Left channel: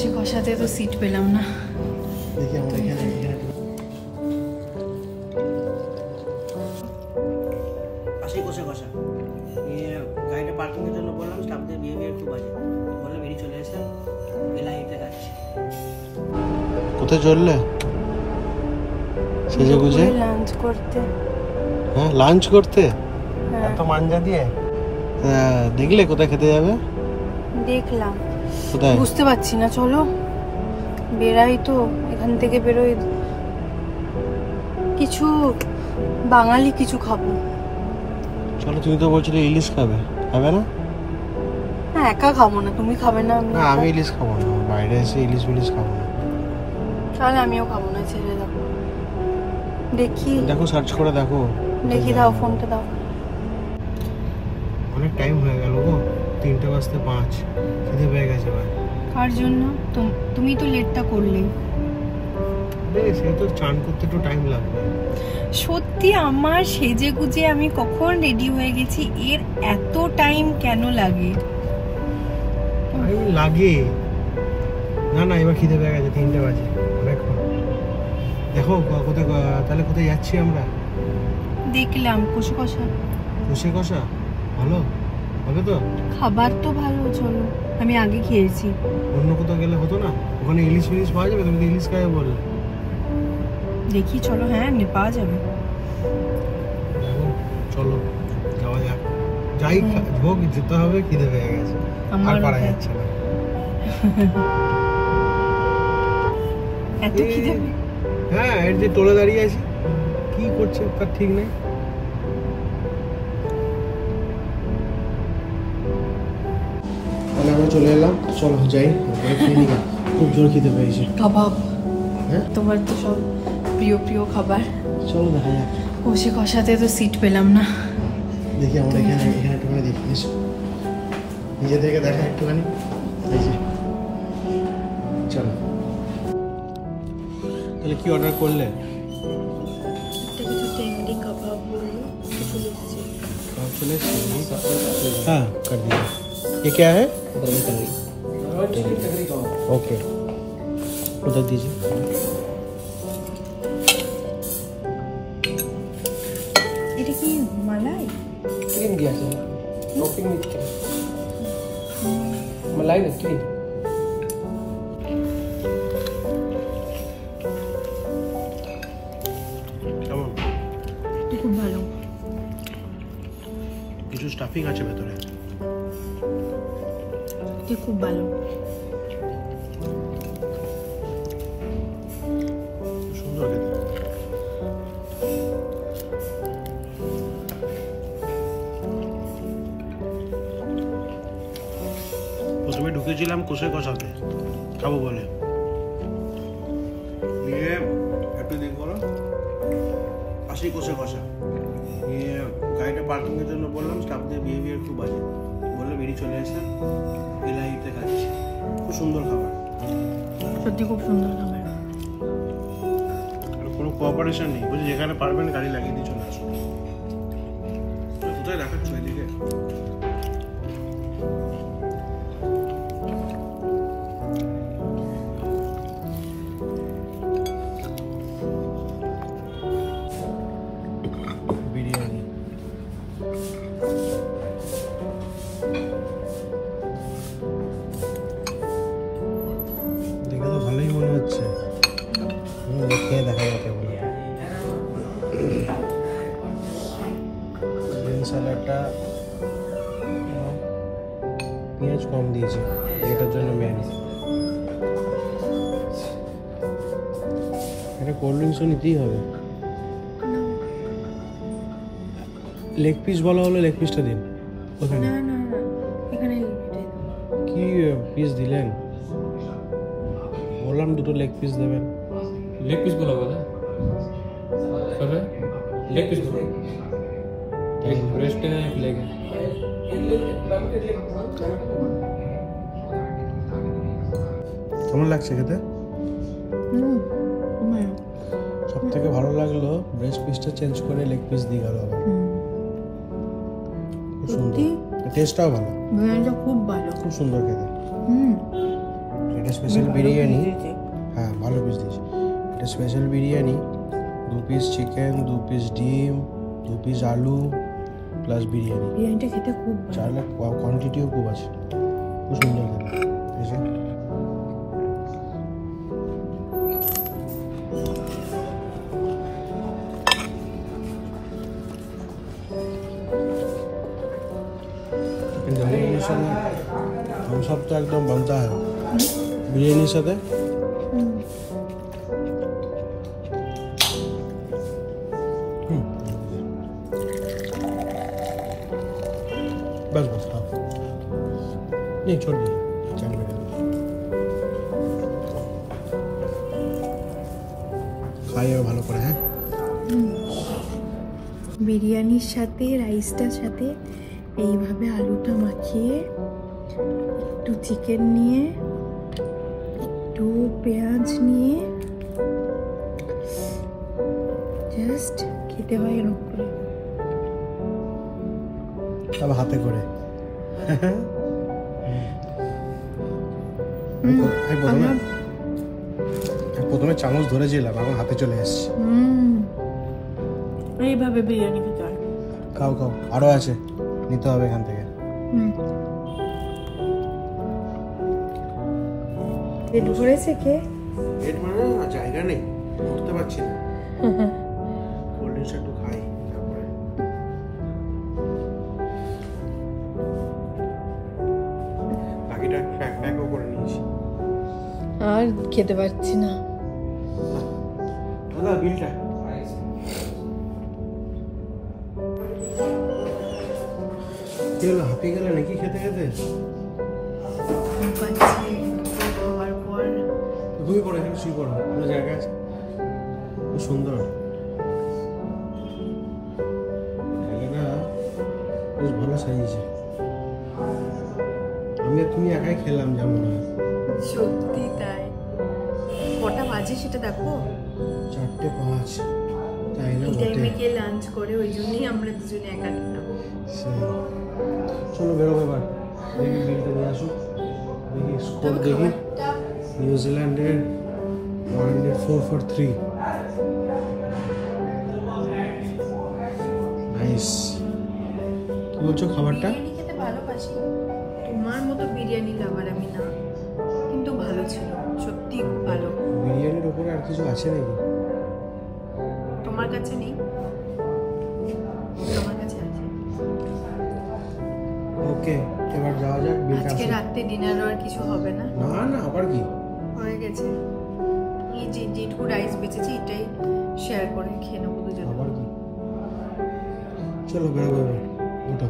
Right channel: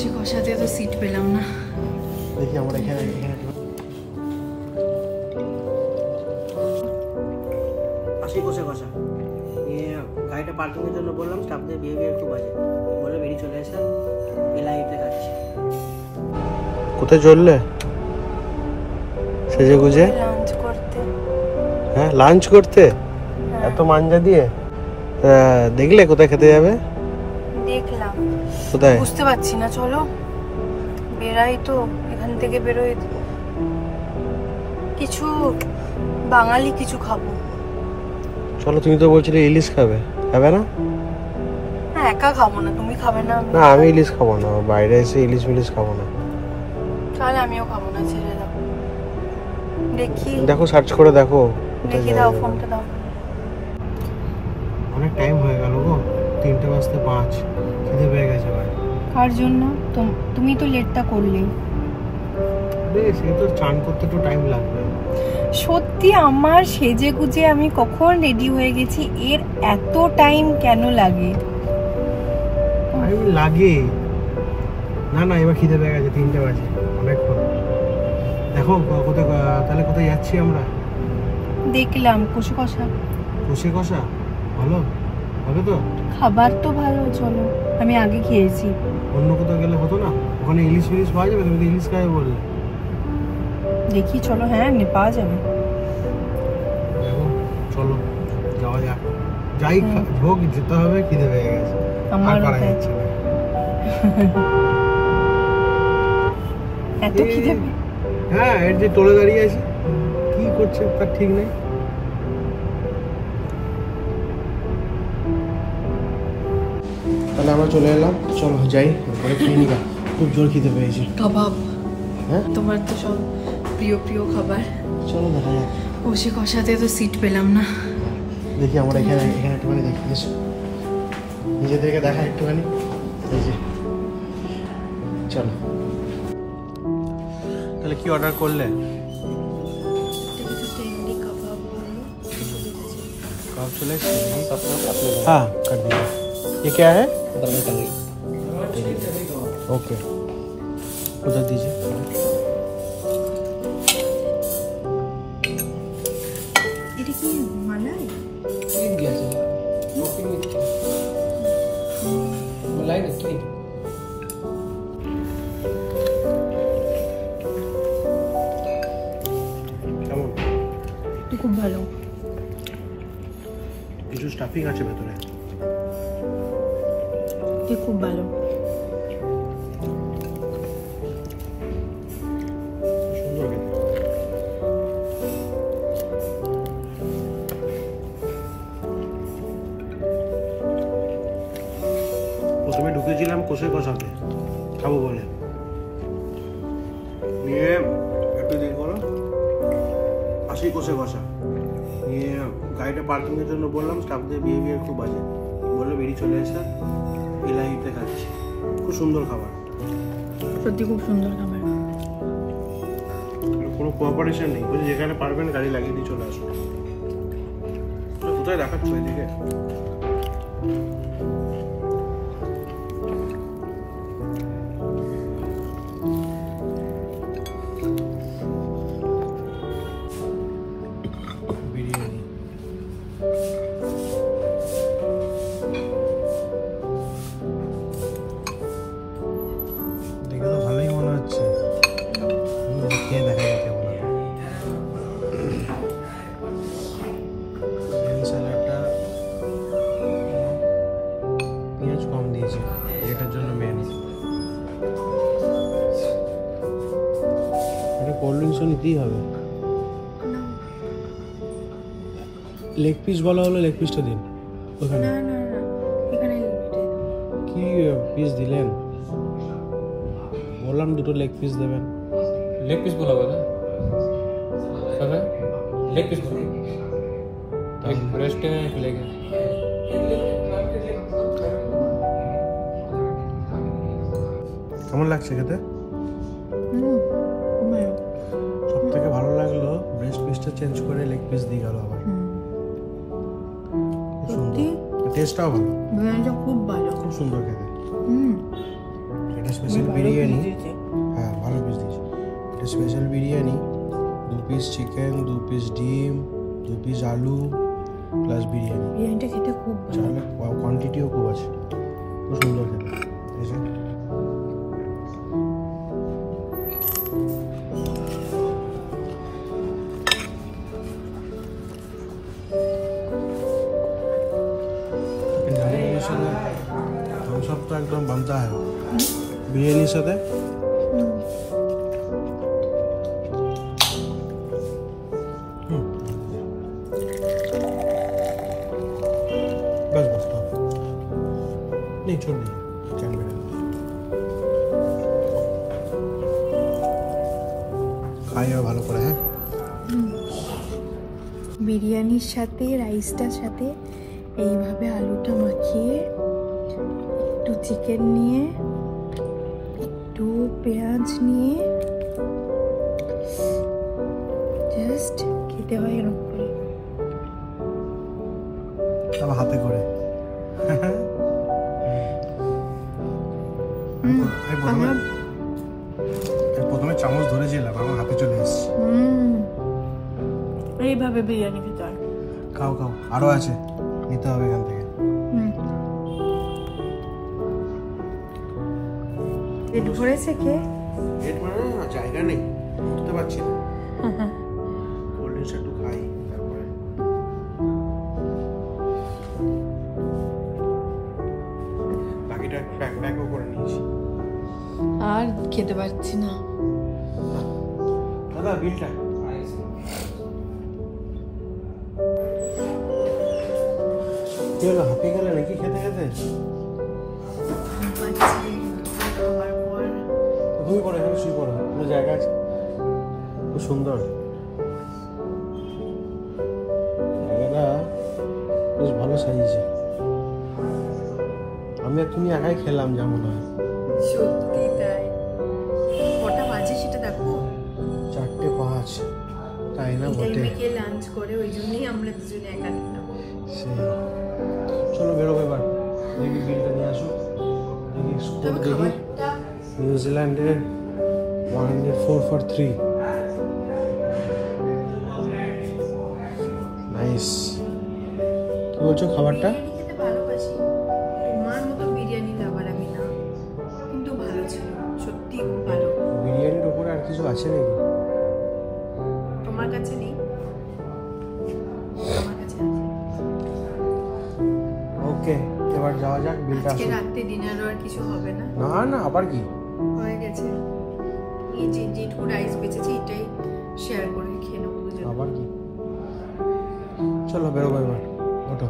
সে কষাতে তো সিট পেলাম না। দেখি আমরা এখানে পাশে কষা কষা গাড়িটা পার্কিং এর জন্য বললাম, স্টাফদের বিহেভিয়ার খুব বাজে, বলে বেরিয়ে চলে এসে এলাইতে যাচ্ছে। কোথায় চললে? সেজে গুজে লাঞ্চ করতে। হ্যাঁ লাঞ্চ করতে এত মাঞ্জা দিয়ে? দেখলে কোথায় খেতে যাবে? দেখলাম, কোথায় বুঝতে পারছি না। চলো বেরাই তো, এখান থেকে বেরোই, কিছু বাঙালি কিছু খাবো। চলো, তুমি তো বলছিলে ইলিশ খাবে, খাবে না? হ্যাঁ একা খাবো না, তুমি খাবে না? না আমি ইলিশ খাবো না, বাইরে এসে ইলিশ মিলিশ খাবো না। তাহলে আমিও খাবো না, ছেড়ে দাও। দেখি, দেখো সার্চ করে দেখো। দেখি, দাও ফোনটা দাও। অনেক টাইম হয়ে গেল গো, 3টে বাজতে 5, খিদে পেয়ে গেছে ভাই। কার জন্য? তুমি তো লেটটা করলেই। বেশ, এই তো চান করতে একটু টাইম লাগবে। সত্যি আমার সেজে গুজে আমি কখন রেডি হয়ে গেছি, এর এত টাইম কেন লাগে? টাইম লাগে না না, এবার খিদে পেয়ে গেছে, 3টে বাজে, অনেকক্ষণ। দেখো কোথায়, তাহলে কোথায় যাচ্ছি আমরা? দেখলাম কষে কষা। কষে কষা ভালো হবে তো? খাবার তো ভালো, চলো। আমি আগে খেয়েছি। অন্য কোথাও গেলে হতো না? ওখানে ইলিশ ফিলিশ পাওয়া যাবে? তুমি তো ইলিশ খাবে বললে। দেখি চলো, হ্যাঁ এমনি পাওয়া যাবে। দেখো চলো যাওয়া যাক, যাই হোক যেতে হবে, খিদে পেয়ে গেছে, আর পারা যাচ্ছে না। এত খিদে? হ্যাঁ, এর যে টোলে দাঁড়িয়ে আছে, কি করছে তার ঠিক নেই। তাহলে আমরা চলে এলাম, চলো যাই, খুব জোর খিদে পেয়েছি। কাবাব, হ্যাঁ তোমার তো সব প্রিয় প্রিয় খাবার। চলো দেখা যাক। কষে কষাতে তো সিট পেলাম না। দেখি আমরা এখানে একটুখানি দেখি, এসো নিজেদেরকে দেখা একটুখানি। এই যে চলো, তাহলে কি অর্ডার করলে? কিছু টেন্ডি কাবাব বললো, চলে এসেছে। कब चले? हाँ कर दीजिए। ये क्या है? ओके, उधर दीजिए। এটা কি মালাই? मलाई नहीं কেমন? খুব ভালো। কিছু স্টাফিং আছে ভেতরে, খুব ভালো, সুন্দর খেতে। প্রথমে ঢুকেছিলাম কষে কষাতে খাবো বলে, নিয়ে একটু দিন করো আসি কষে কষা নিয়ে গাড়িটা পার্কিং এর জন্য বললাম, স্টাফদের বিহেভিয়ার খুব বাজে, বলে বেরিয়ে চলে এসে এলাইতে খাচ্ছি। খুব সুন্দর খাবার, সত্যি খুব সুন্দর খাবার। কোনো কোঅপারেশন নেই, বলছি যেখানে পারবেন গাড়ি লাগিয়ে দিয়ে চলে আসুন। কোথায় দেখাচ্ছ এদিকে? বিরিয়ানি দেখে তো ভালোই মনে হচ্ছে, খেয়ে দেখা যাচ্ছে মনে হয়। স্যালাডটা পেঁয়াজ কম দিয়েছে, এটার জন্য মেন। এটা কোল্ড ড্রিঙ্কসও নিতেই হবে। লেগ পিস বলা হলো, লেগ পিসটা দিন ওখানে। না না না, এখানে কি পিস দিলেন? বললাম দুটো লেগ পিস দেবেন। लेग पीस बोला हुआ था सर, लेग पीस बोला, एक ब्रेस्ट है एक लेग है। কেমন লাগছে খেতে? সব থেকে ভালো লাগলো ব্রেস্ট পিসটা চেঞ্জ করে লেগ পিস দিয়ে গেল আবার। খুব সুন্দর, টেস্টটাও ভালো, বিরিয়ানিটা খুব ভালো, খুব সুন্দর খেতে। এটা স্পেশাল বিরিয়ানি। হ্যাঁ ভালো পিস দিয়েছে। এটা special biryani, 2 piece chicken, 2 piece ডিম, 2 পিস আলু প্লাস বিরিয়ানি। বিরিয়ানিটা খেতে খুব ভালো। চাইলে কোয়ান্টিটিও খুব আছে, খুব সুন্দর খেতে। এসে বিরিয়ানির সাথে সব তো একদম বানতা হয় বিরিয়ানির সাথে। बस बस हाँ नहीं छोड़ दीजिए कैमरा खाइए ভালো করে। হ্যাঁ বিরিয়ানির সাথে রাইসটার সাথে এইভাবে আলুটা মাখিয়ে একটু চিকেন নিয়ে একটু পেঁয়াজ নিয়ে জাস্ট খেতে হয় এরকম করে। আবার হাতে করে প্রথমে চামচ ধরেছিলাম, আমার হাতে চলে এসেছে। এইভাবে বিরিয়ানি খেতে হয়। খাও খাও, আরো আছে নিতে হবে এখান থেকে। পেট ভরেছে কে? পেট মানে না, জায়গা নেই, উঠতে পারছি না। কোল্ড ড্রিঙ্কস একটু খাই তারপরে। বাকিটা প্যাকও করে নিয়েছি। আর খেতে পারছি না। দাদা বিলটা। কি হলো, হাঁপিয়ে গেলে নাকি খেতে খেতে? ঘুমিয়ে পড়ো, এখানে শুয়ে পড়ো, কোনো জায়গা আছে? খুব সুন্দর জায়গাটা, বেশ ভালো সাজিয়েছে। আমি আর তুমি একাই খেলাম যা মনে হয়। সত্যি তাই। কটা বাজে সেটা দেখো, 4:05। তাই না? টাইমে কে লাঞ্চ করে, ওই জন্যই আমরা দুজনে একা খেলাম। চলো বেরোবো এবার, দেখি বিলটা নিয়ে আসুক, দেখি স্কোর দেখি। নিউজিল্যান্ডের 104 for 3। নাইস। কি বলছো খাবারটা? বিরিয়ানি খেতে ভালোবাসি, তোমার মতো বিরিয়ানি লাভার আমি না, কিন্তু ভালো ছিল, সত্যি খুব ভালো। বিরিয়ানির উপরে আর কিছু আছে নাকি তোমার কাছে নেই? আমার কাছে আছে। ওকে, এবার যাওয়া যাক, বিলটা আজকে আসুক। রাতে ডিনারও আর কিছু হবে না? না না, আবার কি হয়ে গেছে। এই যে যেটুকু রাইস বেঁচেছে এটাই শেয়ার করে খেয়ে নেবো দুজনে। আবার কি? চলো বেরোবো এবার, ওঠো।